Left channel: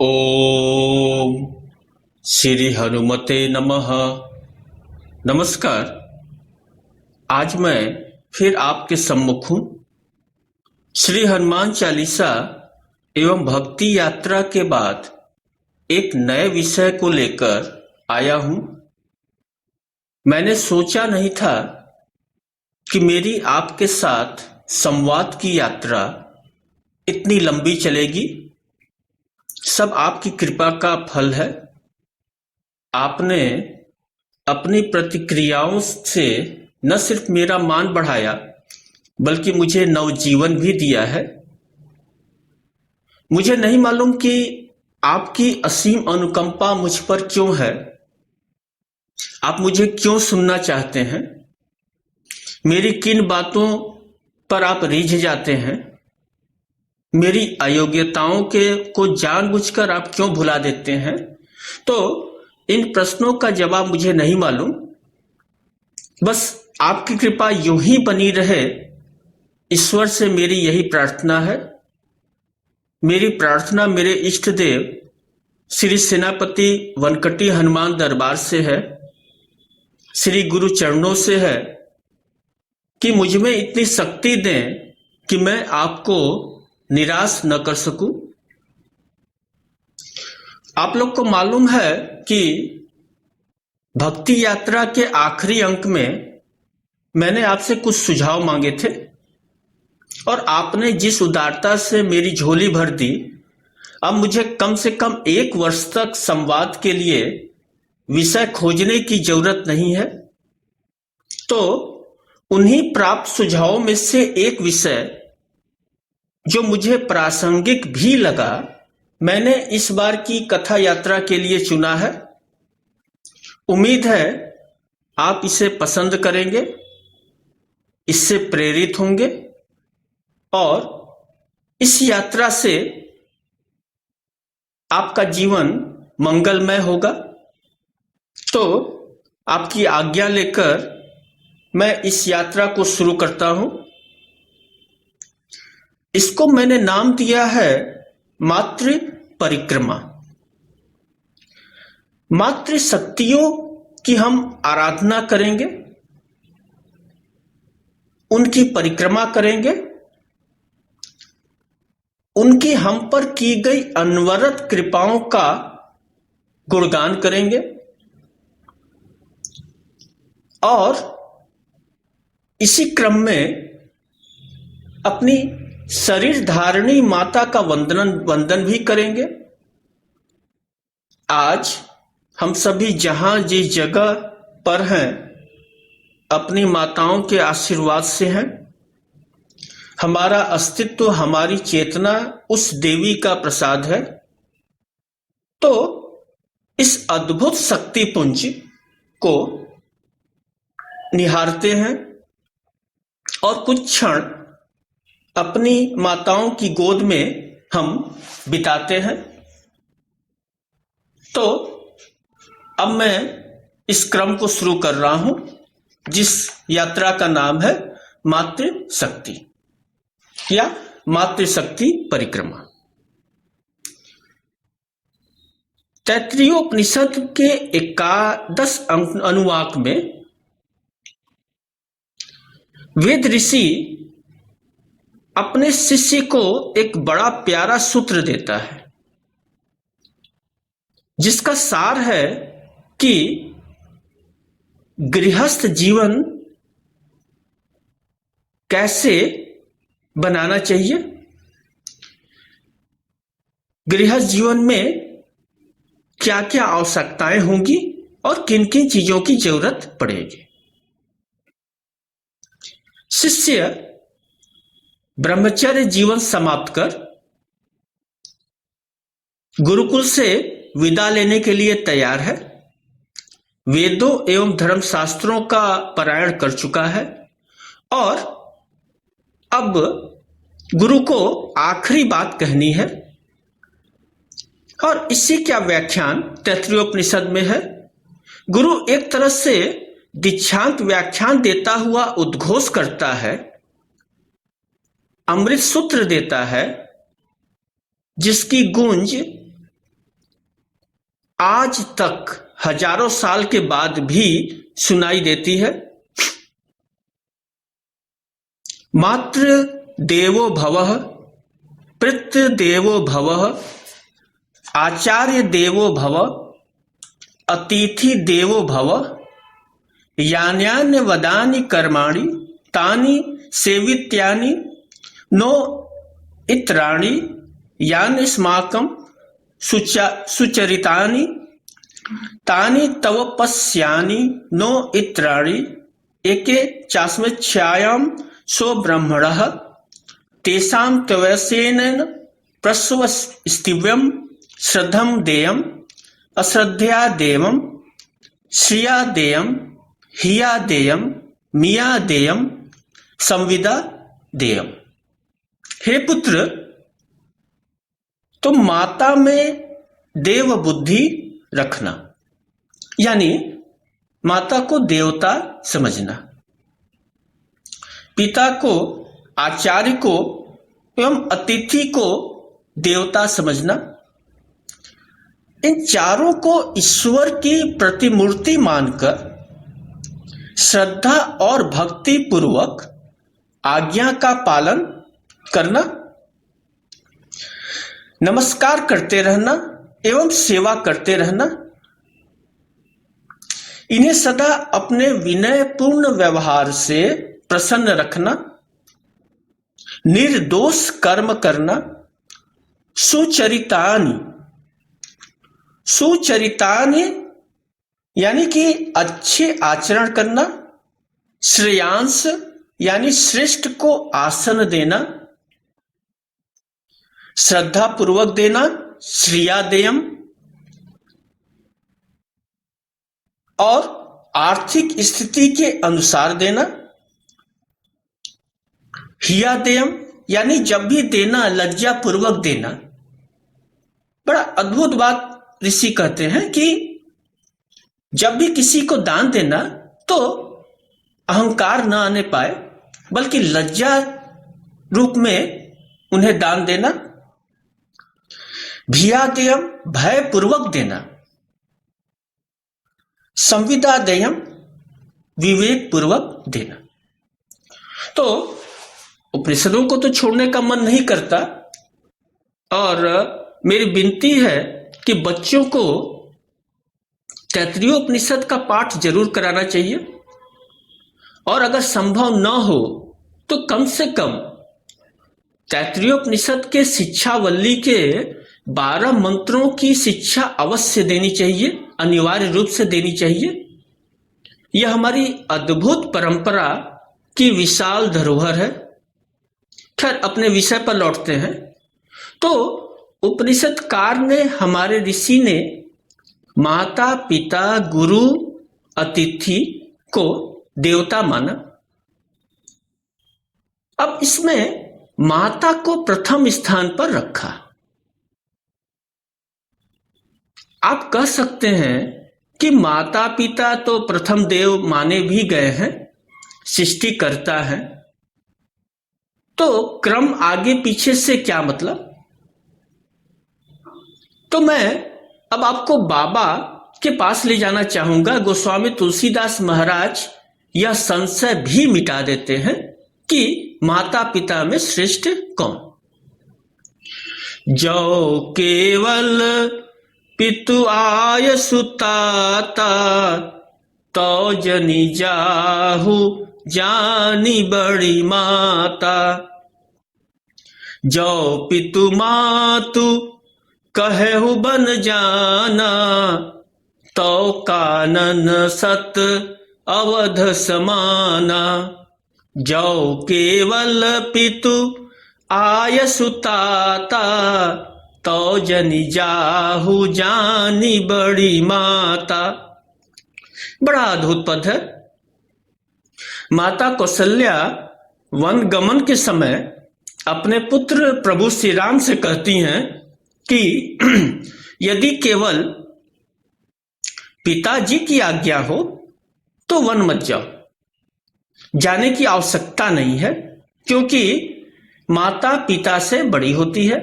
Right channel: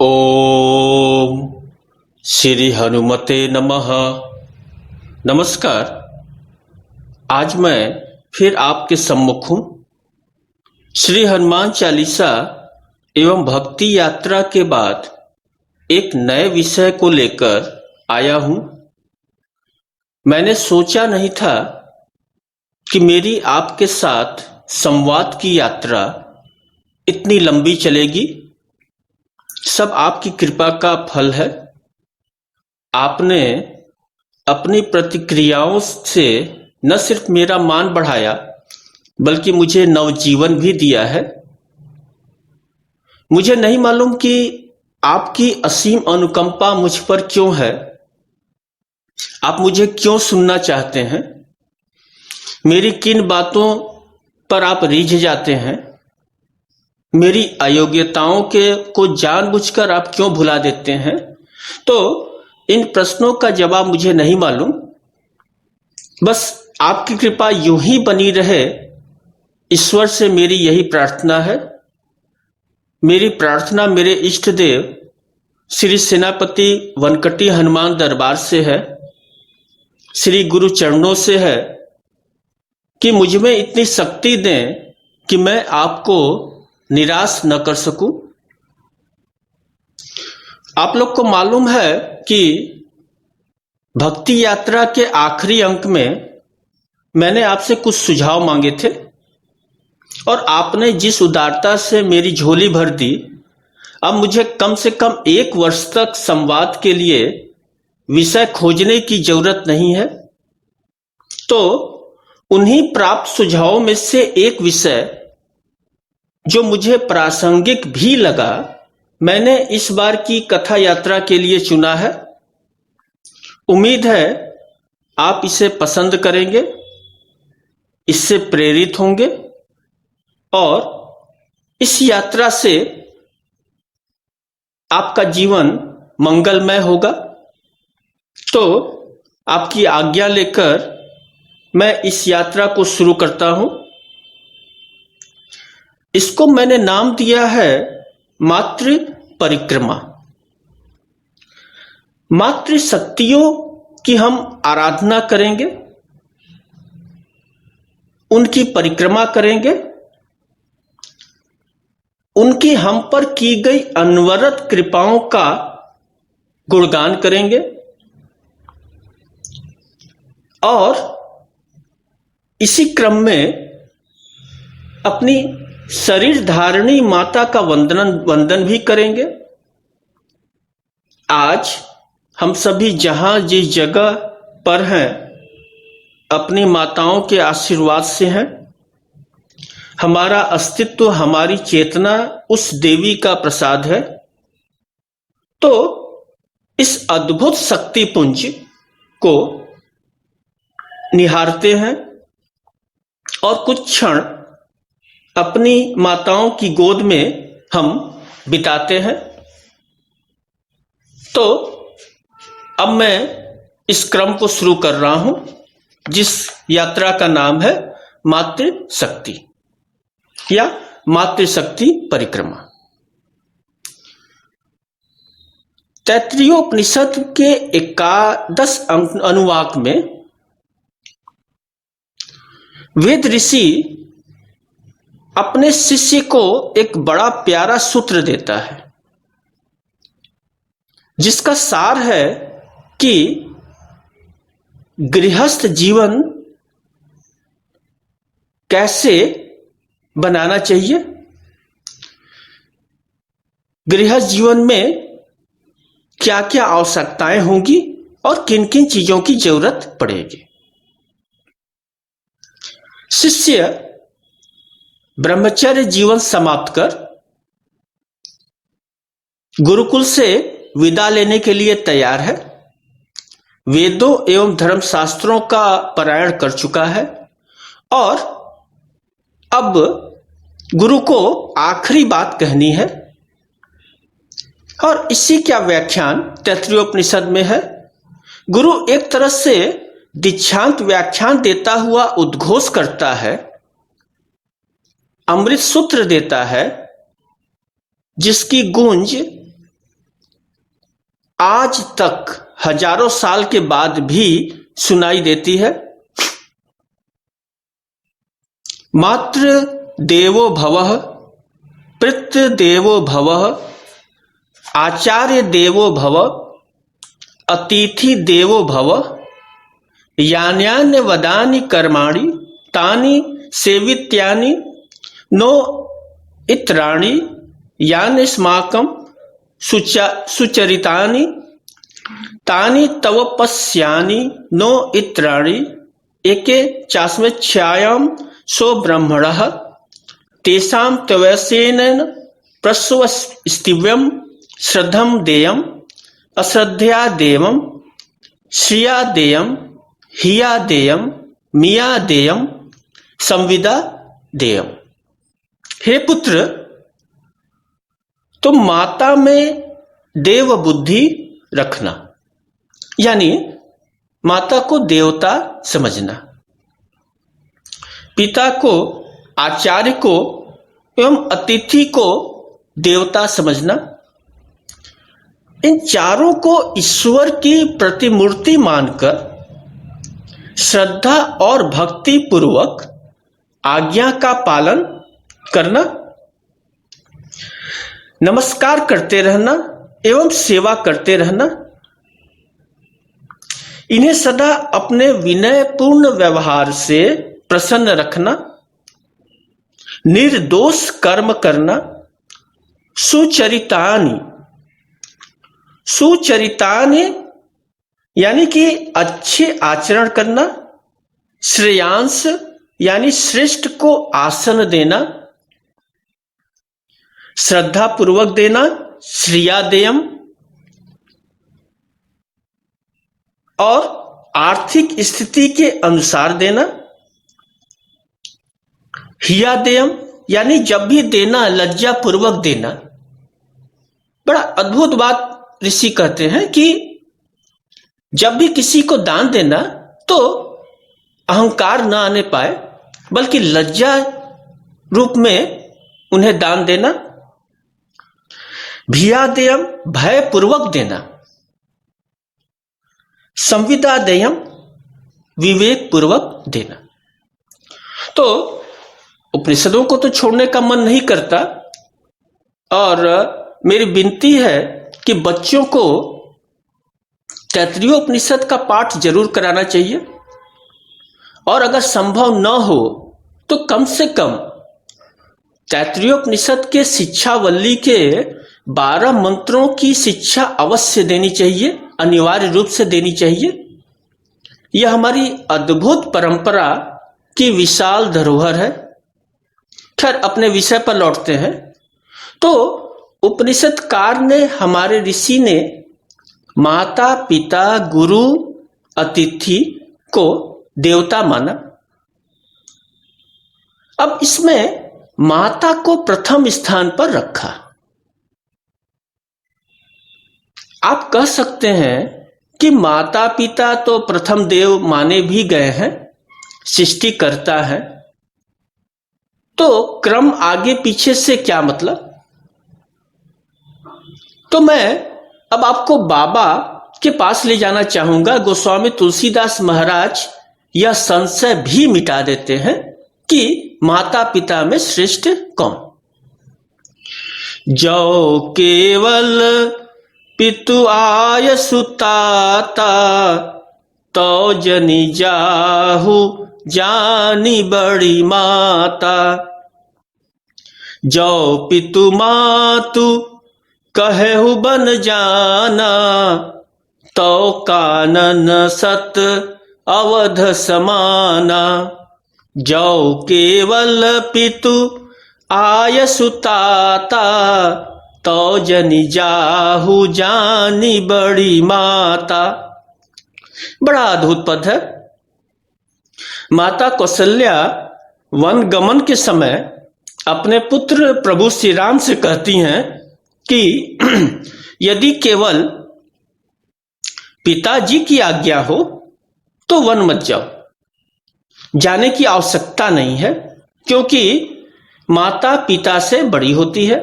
ओम श्री हनुमते नमः। नमस्कार। आज मैं फिर आपके सम्मुख हूँ। श्री हनुमान चालीसा एवं भक्ति यात्रा के बाद एक नए विषय को लेकर आया हूँ। मैंने सोचा नहीं था कि मेरी आपके साथ संवाद की यात्रा इतनी लंबी चलेगी। सब आपकी कृपा का फल है। आपने अपनी प्रतिक्रियाओं से न सिर्फ मेरा मान बढ़ाया बल्कि मुझे नवजीवन भी दिया है। मुझे नहीं मालूम कि आपकी असीम अनुकंपा मुझ पर क्यों है। आप मुझे क्यों सुनना चाहते हैं? मेरी किन बातों पर आप रीझ जाते हैं? मेरी अयोग्यताओं को जानबूझकर आप क्यों भुला देते हैं? तो इन प्रश्नों का जवाब मुझे नहीं मालूम। बस आपकी कृपा यूं ही बनी रहे, ईश्वर से मेरी यही प्रार्थना है। मेरी प्रार्थना मेरे इष्ट देव श्री सेनापति वनकटी हनुमान दरबार से है, श्री गुरु चरणों से है कि मुझ में इतनी शक्ति दें कि मैं आपको निराश न कर सकूं। आप लोग को मालूम है कि भक्ति यात्रा के आखिरी अंक में मैंने आपसे कुछ सुझाव मांगे थे और आपने जिस उदारता से मेरी झोली भर दी, अब मुझे कम से कम 1 वर्ष तक संवाद के लिए विषय खोजने की जरूरत नहीं है। तो उन्हीं प्राप्त सुझावों में से एक विषय जो मुझे प्रासंगिक भी लगा, मैंने इस बार की कथा यात्रा के लिए चुना है। उम्मीद है आप इसे पसंद करेंगे, इससे प्रेरित होंगे और इस यात्रा से आपका जीवन मंगलमय होगा। तो आपकी आज्ञा लेकर मैं इस यात्रा को शुरू करता हूं। इसको मैंने नाम दिया है मातृ परिक्रमा। मातृ शक्तियों की हम आराधना करेंगे, उनकी परिक्रमा करेंगे, उनकी हम पर की गई अनवरत कृपाओं का गुणगान करेंगे और इसी क्रम में अपनी शरीर धारिणी माता का वंदन भी करेंगे। आज हम सभी जहां जिस जगह पर हैं, अपनी माताओं के आशीर्वाद से हैं। हमारा अस्तित्व, हमारी चेतना उस देवी का प्रसाद है। तो इस अद्भुत शक्तिपुंज को निहारते हैं और कुछ क्षण अपनी माताओं की गोद में हम बिताते हैं। तो अब मैं इस क्रम को शुरू कर रहा हूं, जिस यात्रा का नाम है मातृ शक्ति या मातृशक्ति परिक्रमा। तैत्तिरीयोपनिषद के 11 अनुवाक में वेद ऋषि अपने शिष्य को एक बड़ा प्यारा सूत्र देता है, जिसका सार है कि गृहस्थ जीवन कैसे बनाना चाहिए, गृहस्थ जीवन में क्या क्या आवश्यकताएं होंगी और किन किन चीजों की जरूरत पड़ेगी। शिष्य ब्रह्मचर्य जीवन समाप्त कर गुरुकुल से विदा लेने के लिए तैयार है। वेदों एवं धर्मशास्त्रों का पारायण कर चुका है और अब गुरु को आखिरी बात कहनी है और इसी का व्याख्यान तैत्तिरीयोपनिषद में है। गुरु एक तरह से दीक्षांत व्याख्यान देता हुआ उद्घोष करता है, अमृत सूत्र देता है, जिसकी गूंज आज तक हजारों साल के बाद भी सुनाई देती है। मातृ देवो भवः, पितृ देवो भवः, आचार्य देवो भवः, अतिथि देवो भवः, यान्यान्य वदानि कर्माणि तानि सेवित्यानि नो इत्राणि यानि स्माकं सुचरितानि तानि तव पश्यानि नो इत्राणि एके चास्मच्छायां सो ब्रह्मणः तेषां तवैसेन प्रस्वस्तिव्यं श्रद्धं देयम् अश्रद्धया देवं श्रिया देयं हिया देयं मिया देयं संविदा देयम। हे पुत्र, तुम माता में देव बुद्धि रखना, यानी माता को देवता समझना, पिता को, आचार्य को एवं अतिथि को देवता समझना। इन चारों को ईश्वर की प्रतिमूर्ति मानकर श्रद्धा और भक्ति पूर्वक आज्ञा का पालन करना, नमस्कार करते रहना एवं सेवा करते रहना। इन्हें सदा अपने विनयपूर्ण व्यवहार से प्रसन्न रखना, निर्दोष कर्म करना, सुचरितानि, सुचरितानि यानी कि अच्छे आचरण करना, श्रेयांश यानी श्रेष्ठ को आसन देना, श्रद्धा पूर्वक देना, श्रिया देयम, और आर्थिक स्थिति के अनुसार देना, हिया देयम यानी जब भी देना लज्जा पूर्वक देना। बड़ा अद्भुत बात ऋषि कहते हैं कि जब भी किसी को दान देना तो अहंकार न आने पाए, बल्कि लज्जा रूप में उन्हें दान देना। भिया देयम भय पूर्वक देना, संविदा देयम विवेक पूर्वक देना। तो उपनिषदों को तो छोड़ने का मन नहीं करता, और मेरी विनती है कि बच्चों को तैत्तिरीय उपनिषद का पाठ जरूर कराना चाहिए, और अगर संभव न हो तो कम से कम तैत्तिरीय उपनिषद के शिक्षावल्ली के 12 मंत्रों की शिक्षा अवश्य देनी चाहिए, अनिवार्य रूप से देनी चाहिए। यह हमारी अद्भुत परंपरा की विशाल धरोहर है। खैर, अपने विषय पर लौटते हैं। तो उपनिषदकार ने, हमारे ऋषि ने माता पिता गुरु अतिथि को देवता माना। अब इसमें माता को प्रथम स्थान पर रखा। आप कह सकते हैं कि माता पिता तो प्रथम देव माने भी गए हैं, सृष्टिकर्ता है, तो क्रम आगे पीछे से क्या मतलब? तो मैं अब आपको बाबा के पास ले जाना चाहूंगा। गोस्वामी तुलसीदास महाराज यह संशय भी मिटा देते हैं कि माता पिता में श्रेष्ठ कौन। जो केवल पितु आय सुताता तो जनि जाहु जानी बड़ी माता। जो पितु मातु कहु बन जाना तो कानन सत अवध समाना। जो केवल पितु आय सुताता तो जनि जाहु जानी बड़ी माता। बड़ा अद्भुत पद है। माता कौशल्या वन गमन के समय अपने पुत्र प्रभु श्री राम से कहती हैं कि यदि केवल पिताजी की आज्ञा हो तो वन मत जाओ, जाने की आवश्यकता नहीं है, क्योंकि माता पिता से बड़ी होती है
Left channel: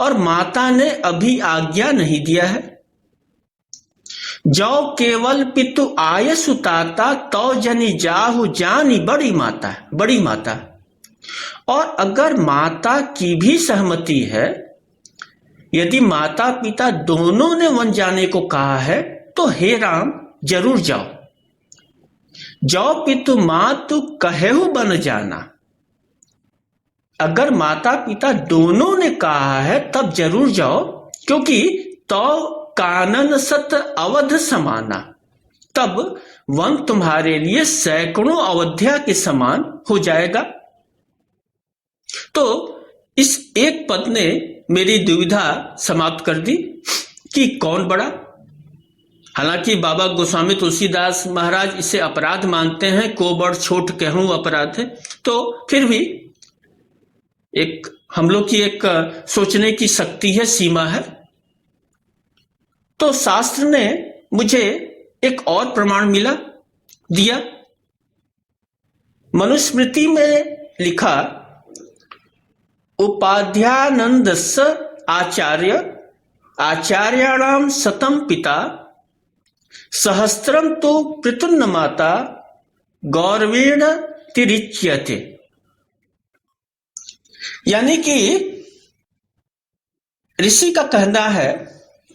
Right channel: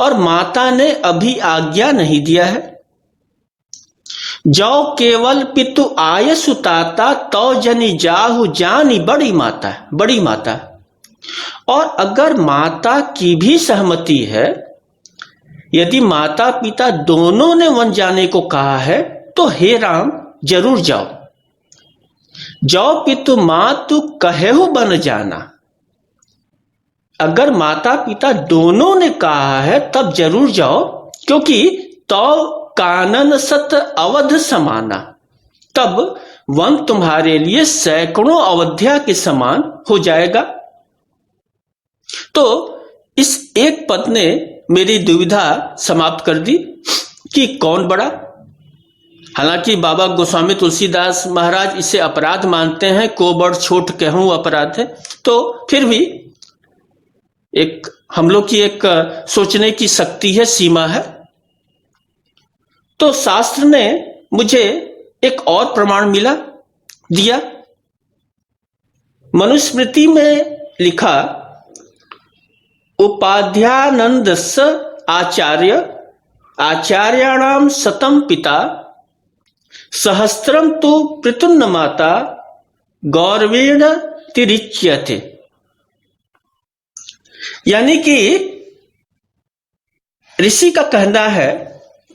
और माता ने अभी आज्ञा नहीं दिया है। जो केवल पितु आय सुताता तो जनी जाहु जानी बड़ी माता, बड़ी माता। और अगर माता की भी सहमति है, यदि माता पिता दोनों ने वन जाने को कहा है, तो हे राम जरूर जाओ। जो पितु मातु कहेहु बन जाना, अगर माता पिता दोनों ने कहा है तब जरूर जाओ, क्योंकि तो कानन सत अवध समाना, तब वन तुम्हारे लिए सैकड़ों अवध्या के समान हो जाएगा। तो इस एक पद ने मेरी दुविधा समाप्त कर दी कि कौन बड़ा। हालांकि बाबा गोस्वामी तुलसीदास महाराज इसे अपराध मानते हैं, को बड़ छोट कहूं अपराध है, तो फिर भी एक हम लोग की एक सोचने की शक्ति है, सीमा है। तो शास्त्र ने मुझे एक और प्रमाण दिया। मनुस्मृति में लिखा, उपाध्यानंदस्य आचार्याणाम शतम पिता सहस्त्रम तो पृतुन्न माता गौरवेण तिरिच्यते। यानी कि ऋषि का कहना है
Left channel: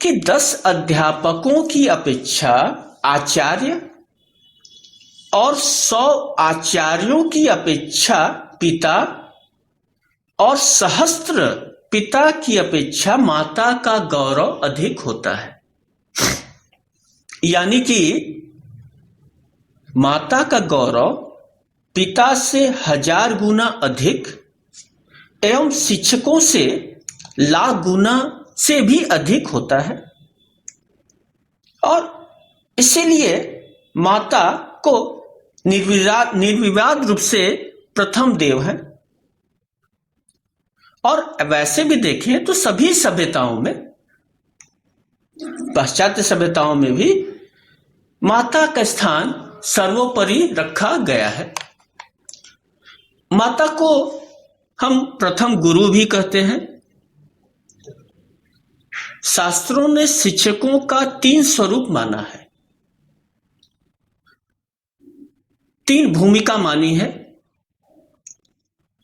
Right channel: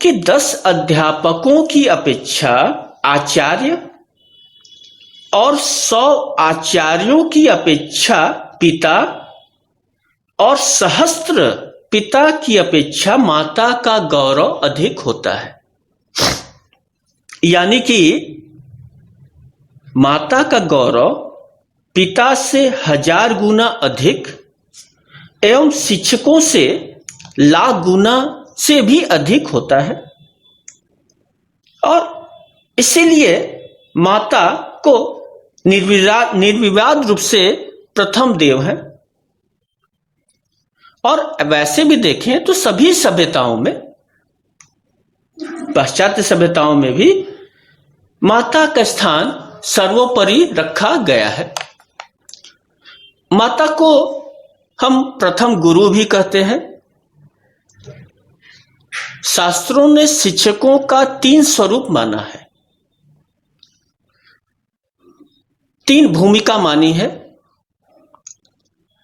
कि 10 अध्यापकों की अपेक्षा आचार्य और 100 आचार्यों की अपेक्षा पिता और सहस्त्र पिता की अपेक्षा माता का गौरव अधिक होता है। यानी कि माता का गौरव पिता से 1000 गुना अधिक एवं शिक्षकों से लाख गुना से भी अधिक होता है। और इसीलिए माता को निर्विवाद रूप से प्रथम देव है। और वैसे भी देखें तो सभी सभ्यताओं में, पाश्चात्य सभ्यताओं में भी माता का स्थान सर्वोपरि रखा गया है। माता को हम प्रथम गुरु भी कहते हैं। शास्त्रों ने शिक्षकों का 3 स्वरूप माना है, 3 भूमिका मानी है।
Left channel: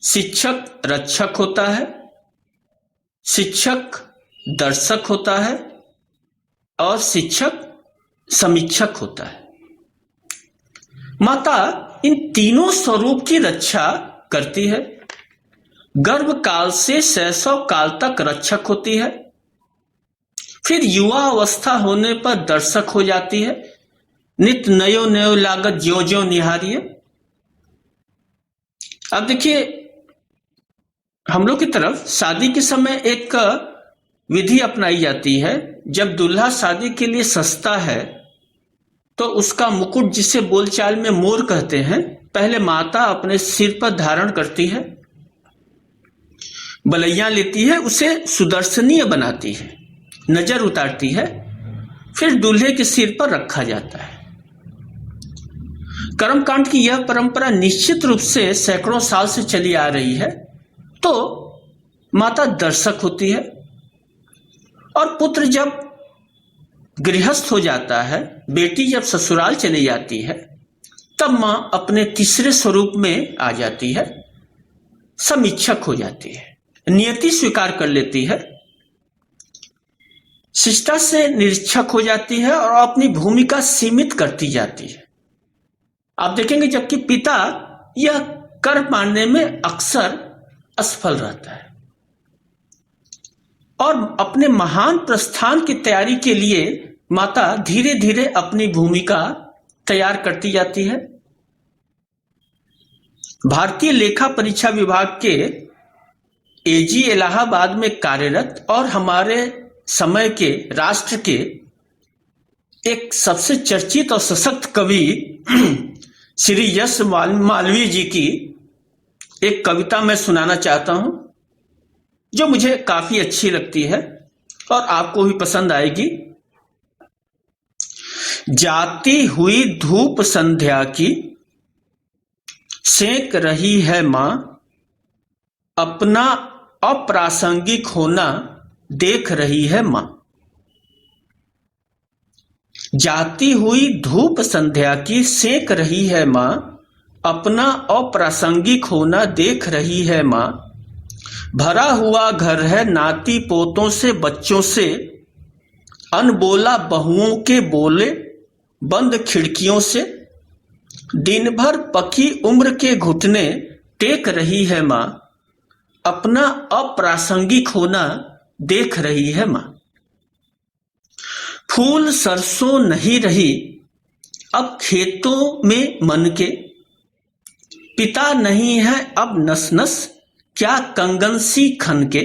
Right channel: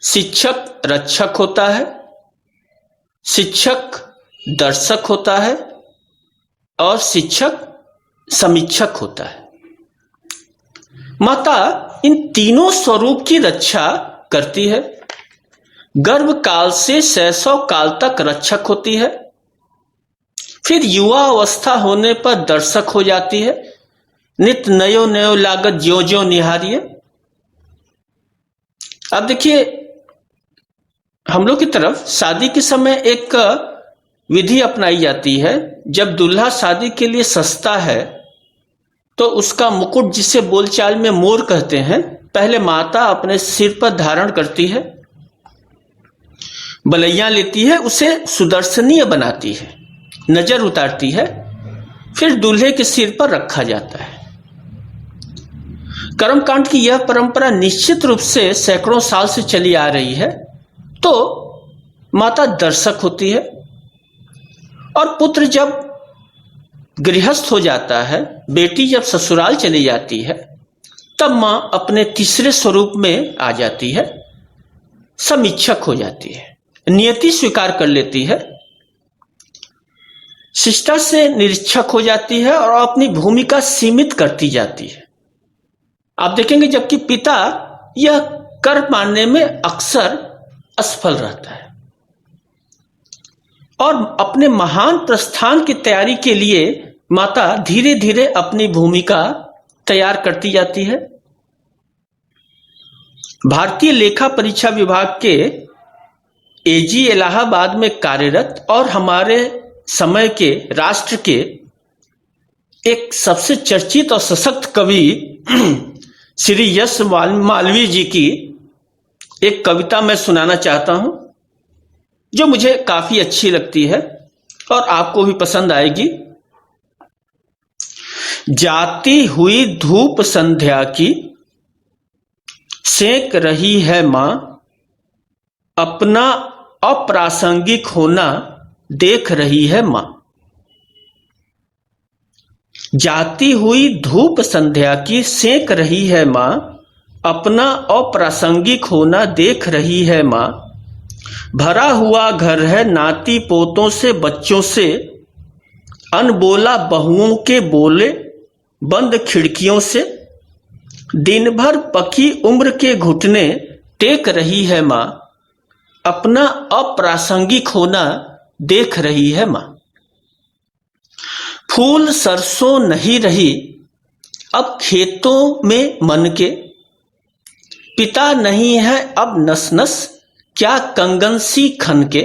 शिक्षक रक्षक होता है, शिक्षक दर्शक होता है और शिक्षक समीक्षक होता है। माता इन तीनों स्वरूप की रक्षा करती है। गर्भ काल से शैशव काल तक रक्षक होती है, फिर युवा अवस्था होने पर दर्शक हो जाती है। नित नयो नयो लागत ज्यो ज्यो निहारिये। अब देखिए, हम लोग की तरफ शादी के समय एक विधि अपनाई जाती है। जब दूल्हा शादी के लिए सस्ता है तो उसका मुकुट, जिसे बोलचाल में मोर कहते हैं, पहले माता अपने सिर पर धारण करती है, बलैया लेती है, उसे सुदर्शनीय बनाती है, नजर उतारती है, फिर दूल्हे के सिर पर रखा जाता है। कर्मकांड की यह परंपरा निश्चित रूप से सैकड़ों साल से चली आ रही है। तो माता दर्शक होती है, और पुत्र जब गृहस्थ हो जाता है, बेटी जब ससुराल चली जाती है, तब मां अपने तीसरे स्वरूप में आ जाती है, समीक्षक हो जाती है, नियति स्वीकार कर लेती है, शिष्टा से निरीक्षक हो जाती है और अपनी भूमिका सीमित करती जाती है। आप देखेंगे जबकि पिता यह कर पाने में अक्सर असफल रहता है और अपने महान प्रस्थान की तैयारी के लिए माता धीरे धीरे अपनी भूमिका तैयार करती जाती है। भारतीय लेखा परीक्षा विभाग के एजी इलाहाबाद में कार्यरत और हमारे समय के राष्ट्र के एक सबसे चर्चित और सशक्त कवि श्री यश मालवीय जी की एक कविता मैं सुनाना चाहता हूं, जो मुझे काफी अच्छी लगती है और आपको भी पसंद आएगी। जाती हुई धूप संध्या की सेक रही है मां, अपना अप्रासंगिक होना देख रही है मां। जाती हुई धूप संध्या की सेंक रही है माँ, अपना अप्रासंगिक होना देख रही है माँ। भरा हुआ घर है नाती पोतों से बच्चों से, अनबोला बहुओं के बोले बंद खिड़कियों से। दिन भर पकी उम्र के घुटने टेक रही है माँ, अपना अप्रासंगिक होना देख रही है माँ। फूल सरसों नहीं रही अब खेतों में मन के, पिता नहीं है अब नस नस क्या कंगन सी खन के।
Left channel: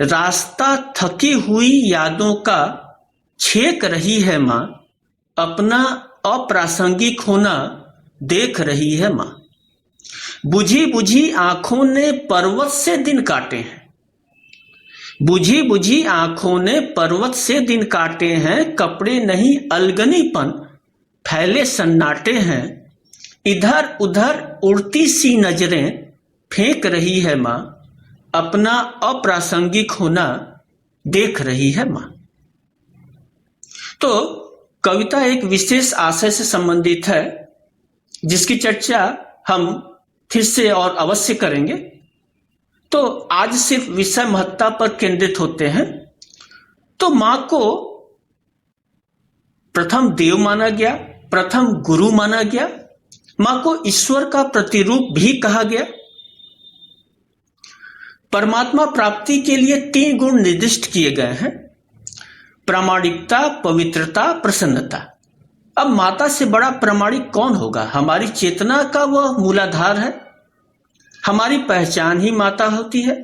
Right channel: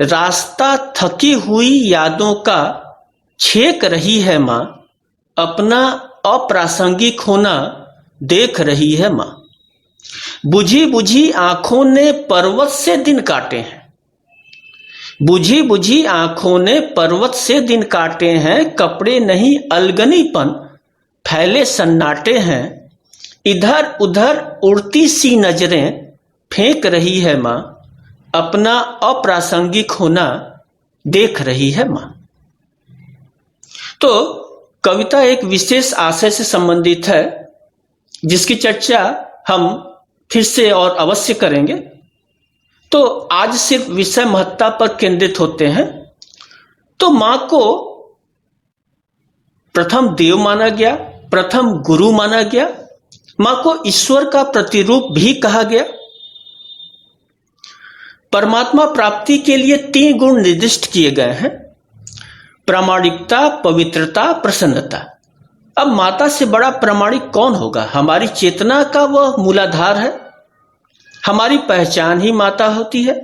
रास्ता थकी हुई यादों का छेक रही है माँ, अपना अप्रासंगिक होना देख रही है माँ। बुझी बुझी आंखों ने पर्वत से दिन काटे हैं, बुझी बुझी आंखों ने पर्वत से दिन काटे हैं। कपड़े नहीं अलगनीपन फैले सन्नाटे हैं, इधर उधर उड़ती सी नजरें फेंक रही है माँ, अपना अप्रासंगिक होना देख रही है माँ। तो कविता एक विशेष आशय से संबंधित है जिसकी चर्चा हम फिर से और अवश्य करेंगे। तो आज सिर्फ विषय महत्ता पर केंद्रित होते हैं। तो मां को प्रथम देव माना गया, प्रथम गुरु माना गया, मां को ईश्वर का प्रतिरूप भी कहा गया। परमात्मा प्राप्ति के लिए 3 गुण निर्दिष्ट किए गए हैं: प्रामाणिकता, पवित्रता, प्रसन्नता। अब माता से बड़ा प्रामाणिक कौन होगा? हमारी चेतना का वह मूलाधार है, हमारी पहचान ही माता होती है।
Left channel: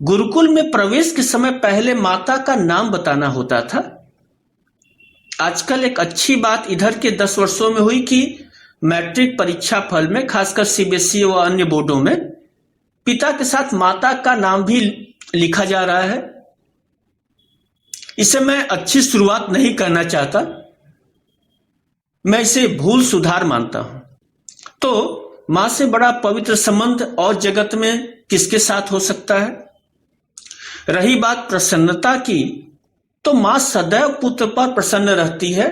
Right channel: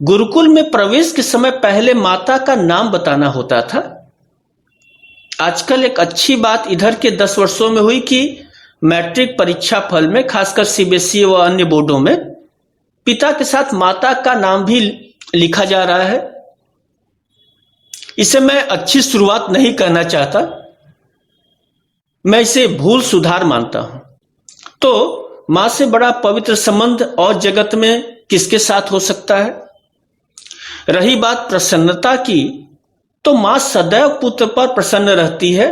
गुरुकुल में प्रवेश के समय पहले माता का नाम बताना होता था। आजकल एक अच्छी बात इधर के 10 वर्षों में हुई कि मैट्रिक परीक्षा फल में, खासकर सीबीएसई व अन्य बोर्डों में, पिता के साथ माता का नाम भी लिखा जा रहा है। इसे मैं अच्छी शुरुआत नहीं कहना चाहता, मैं इसे भूल सुधार मानता हूं। तो मां से बड़ा पवित्र संबंध और जगत में किसके साथ हो सकता है? रही बात प्रसन्नता की, तो मां सदैव पुत्र पर प्रसन्न रहती है।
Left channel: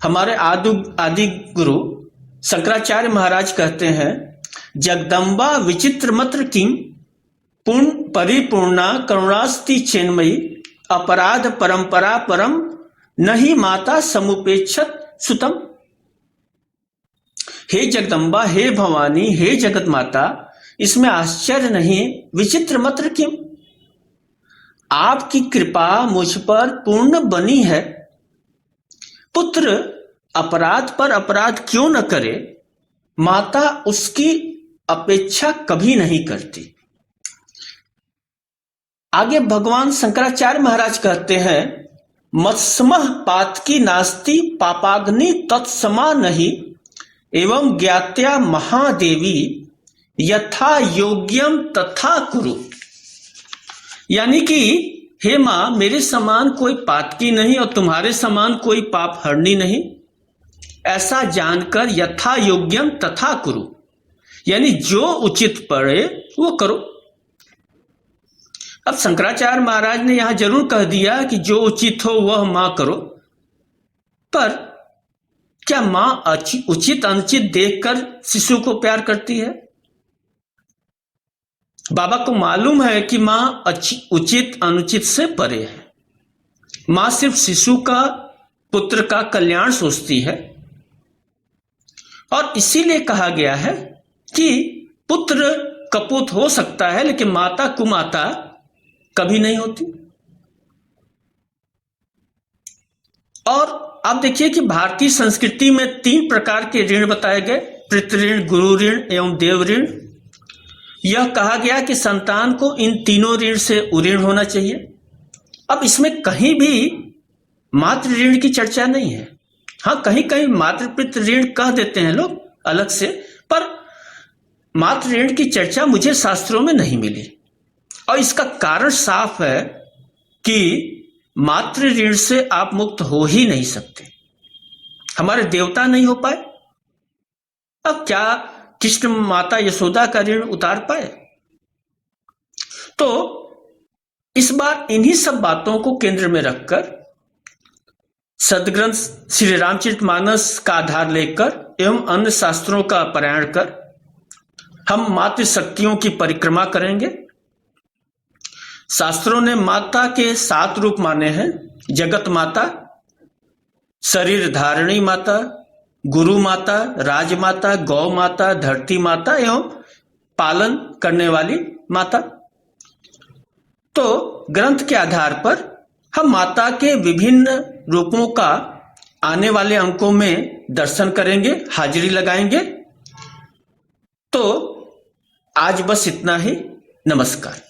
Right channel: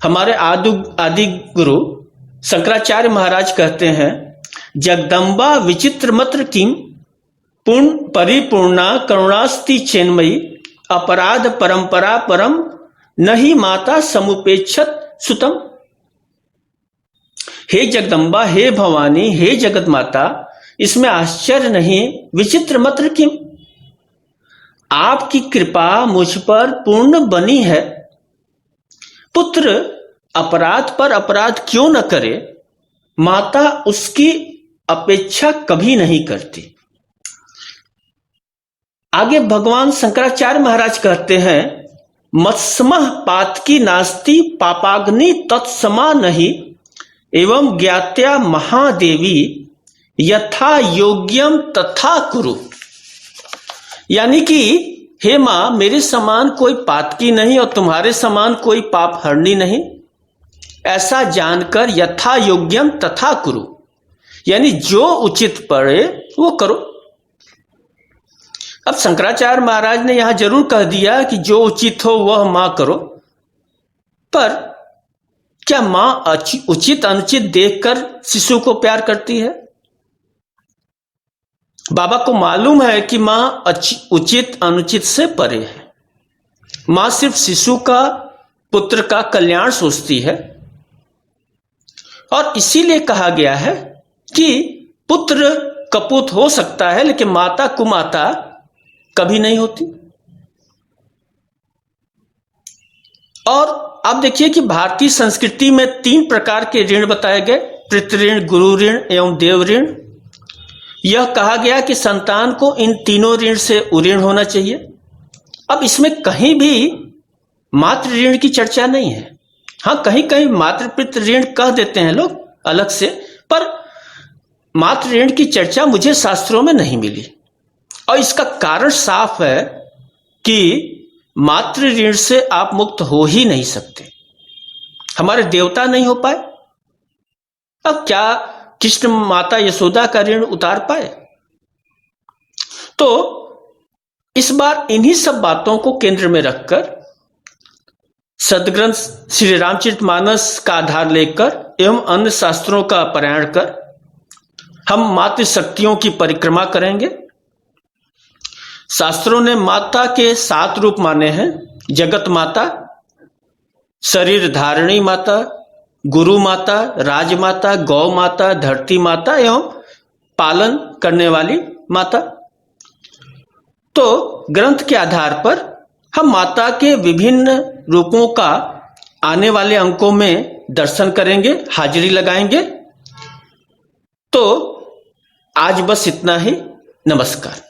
हमारे आदि गुरु शंकराचार्य महाराज कहते हैं, जगदम्बा विचित्र मत्र किम पूर्ण परिपूर्णा करुणास्ति चेन्मयी, अपराध परंपरा परम नहीं माता समुपेक्षत सुतम। हे जगदम्बा, हे भवानी, हे जगत माता, इसमें आश्चर्य नहीं, विचित्र मत्र किम, आपकी कृपा मुझ पर पूर्ण बनी है। पुत्र अपराध पर अपराध क्यों न करे, माता उसकी अपेक्षा कभी नहीं करती। आगे भगवान शंकराचार्य महाराज कहते हैं, मत्समः पातकी नास्ति पापाग्नि तत्समा नहीं, एवं ज्ञात्या महादेवी यथा योग्यम तथा कुरु। यानी कि हे मां, मेरे समान कोई पातकी नहीं और तुम्हारे समान कोई पाप हरनी नहीं, ऐसा जानकर यथा योग्यम तथा कुरु, यानी जो उचित पड़े वो करो। अब शंकराचार्य महाराज ने यहां जरूर कह दिया कि जो उचित हो वह मां करो, पर क्या मां उचित अनुचित देखकर शिशु को प्यार करती है? बाबा को मालूम है कि मां उचित अनुचित से परे है। मां सिर्फ शिशु का, पुत्र का कल्याण सोचती है, और इसीलिए कहा गया है कि पुत्र कपूत हो सकता है लेकिन माता कुमाता कभी नहीं होती। और आप देखिए कि भारतीय संस्कृति में 3 प्रकार के ऋण बताए गए: पितृ ऋण, गुरु ऋण एवं देव ऋण। यह कहा गया कि संतान को इन तीनों ऋण से उऋण होना चाहिए। अब इसमें कहीं भी मातृ ऋण की चर्चा नहीं है। हाँ, कहीं कहीं मातृ पितृ ऋण कह देते हैं लोग अलग से, पर मातृ ऋण की चर्चा मुझे शास्त्रों में नहीं मिली। और इसका कारण साफ है कि मातृ ऋण से आप मुक्त हो ही नहीं सकते। हमारे देवता नहीं हो पाए, अब क्या कृष्ण माता यशोदा का ऋण उतार पाए? तो इस बार इन्हीं सब बातों को केंद्र में रखकर सदग्रंथ श्री रामचरितमानस का आधार लेकर एवं अन्य शास्त्रों का पारायण कर हम मातृशक्तियों की परिक्रमा करेंगे। शास्त्रों ने माता के 7 रूप माने हैं: जगत माता, शरीर धारिणी माता, गुरु माता, राजमाता, गौ माता, धरती माता एवं पालन करने वाली माता। तो ग्रंथ के आधार पर हम माता के विभिन्न रूपों का आने वाले अंकों में दर्शन करेंगे, हाजिरी लगाएंगे। तो आज बस इतना ही। नमस्कार।